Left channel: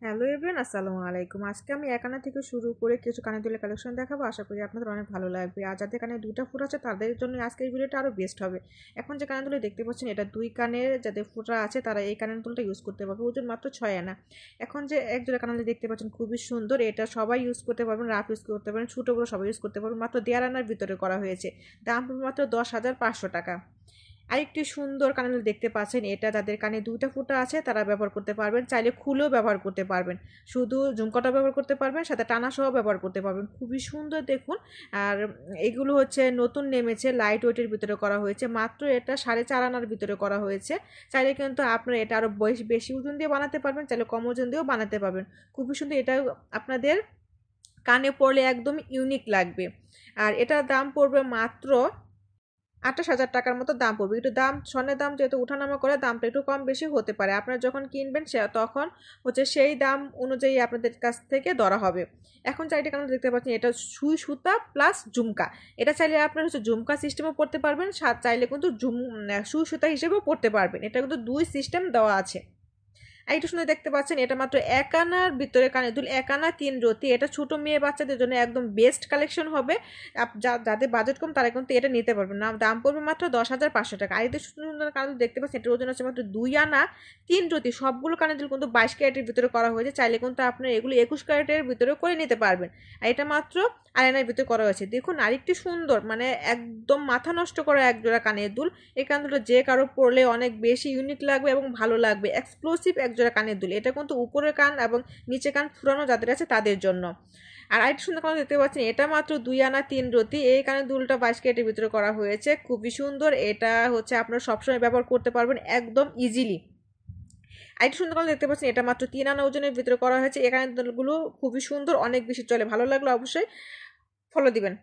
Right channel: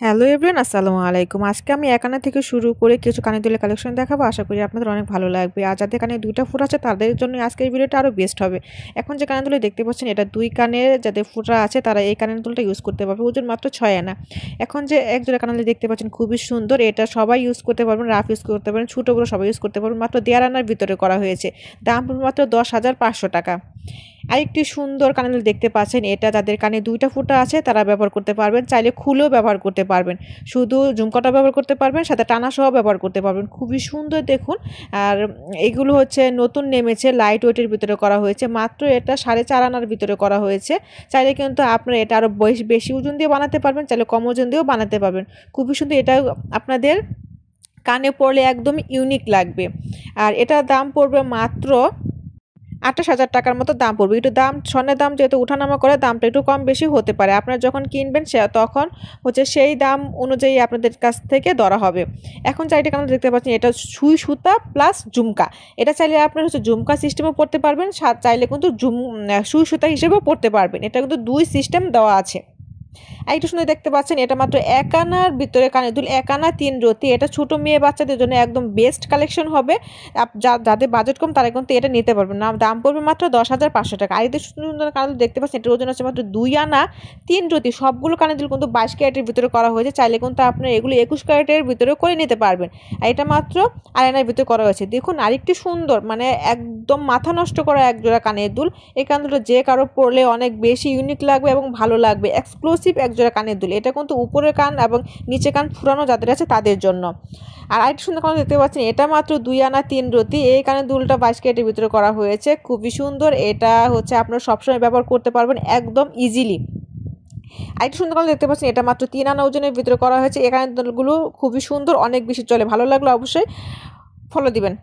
Hello everyone, আসসালামু আলাইকুম। আজকে আমি একানা থেকে শুরু করে কিছু কানের দুলের কালেকশন দেখাবো। আশা করি আপনাদের অনেক ভালো লাগবে। আর যাদের কানে ২টা ফোঁটা আছে তাদের জন্য আজকের ভিডিওটা আরও বেস্ট হবে। এখন যে কানের দুলটা দেখতে পাচ্ছেন এটা ২ কানে যাদের ফোঁটা আছে তারা এই কানের দুলটা ইউজ করতে পারবে। ওজন মাত্র ৬ আনা। এখন যে এক জোড়া কানের দুল দেখতে পাচ্ছেন খুবই সুন্দর। এটা সবাই ইউজ করতে পারবেন, রাফ ইউজ করতে পারেন, ছোটো বড়ো সবাই ইউজ করতে পারবেন। মাত্র ১.৫ আনার ভিতরে করা হয়েছে। দাম মাত্র ১০,৫০০ টাকা। আরেকটি সুন্দর কানের দুল দেখতে পাচ্ছেন, এটা যাদের কানে ২টা ফোঁটা আছে তারা ব্যবহার করতে পারবেন, চাইলে খুলেও ব্যবহার করতে পারবেন, শুধু ঝুমকাটা ব্যবহার করতে পারবেন, সাথে টানা সহ ব্যবহার করতে পারবেন। খুবই সুন্দর দেখুন। আর এগুলো হচ্ছে নতুন নেমেছে, লাইট ওয়েটের ভিতরে করা হয়েছে। মাত্র এটা 4.5 আনার ভিতরে করা হয়েছে। চাইলে কিন্তু আপনারা এটা আরও বেশি ওজন দিয়ে বানাতে পারবেন, চাইলে কম ওজন দিয়েও বানাতে পারবেন। খুবই সুন্দর। এটা আপনাদের কানে পরলে একদম ইউনিক লাগবে। আর এটার দাম পড়বে মাত্র ২৮,০০০ টাকার মতো দাম পড়বে। একটু দাম, স্বর্ণের দাম যেহেতু ওঠানামা করে, দামটা একটু কম বেশি হতে পারে। আপনারা যখন কিনবেন তখন হচ্ছে সেই দাম অনুযায়ী আপনাদের কাছ থেকে ধরা হবে। এখন চাইটা কেন দেখতে পাচ্ছেন, এটা সুই সুতা প্লাস ঝুমকা। এটা চাইলে আপনারা হচ্ছে ঝুমকা সিস্টেমও পড়তে পারবেন, চাইলে কিন্তু সুই সুতা হিসেবেও পড়তে পারবেন। এটা কিন্তু ২ সিস্টেম দেওয়া আছে। আরেকটু সুন্দর দেখতে পাচ্ছেন, এটা মাত্র ১ আনার ভিতরে কানের দুল, ১ আনা ৩ রতি। এটা ছোটো মেয়ে বাচ্চাদের জন্য একদম বেস্ট কালেকশন হবে। যাদের বাজেট কম তারা কিন্তু এটা নিতে পারবেন না। দাম পড়বে মাত্র ১০,৫০০ টাকা। আর এতে সুন্দর সুন্দর কানের দুল দেখতে পাচ্ছেন, এটার ওজন আছে মাত্র ২ আনা ৩ রতি। সবগুলো কানের দুল কিন্তু ২২ ক্যারেটের ভিতরে করা হয়েছে। চাইলে কিন্তু আপনার এগুলো ২১ ক্যারেটের ভিতরে করে নিতে পারবেন। আর এটা মাত্র ২.৫ আনার ভিতরে করা হয়েছে। দেখুন আরেকটি সুন্দর, মানে একদম মাথা নষ্ট করা এক জোড়া কানের দুল। এই কানের দুলটা যে কারো পরলে অনেক বেশি ইউনিক লাগবে এবং ভালো লাগবে। এক্সক্লুসিভ এক জোড়া কানের দুল। এটা কিন্তু উপরের কান এবং নিচে কান ফুরানো যাদের আছে তাদের জন্য। আর আরেকটি সুন্দর কান দেখতে পাচ্ছেন, এটা মাত্র ২ আনা ৩ রতি। এই কানের দুলটা ২২ ক্যারেটের ভিতরে করা হয়েছে। খুবই সুন্দর। এটা হচ্ছে আপনারা সবসময় ব্যবহার করতে পারবেন একদম ইজিলি। আরেকটি সুন্দর কান দেখতে পাচ্ছেন, এটা মাত্র ৩ আনা ওজনের ভিতরে করা হয়েছে। এই কানের দুলগুলো খুবই সুন্দর, অনেক বেশি চলে। ভালো লাগলো অবশ্যই ফলো দিবেন।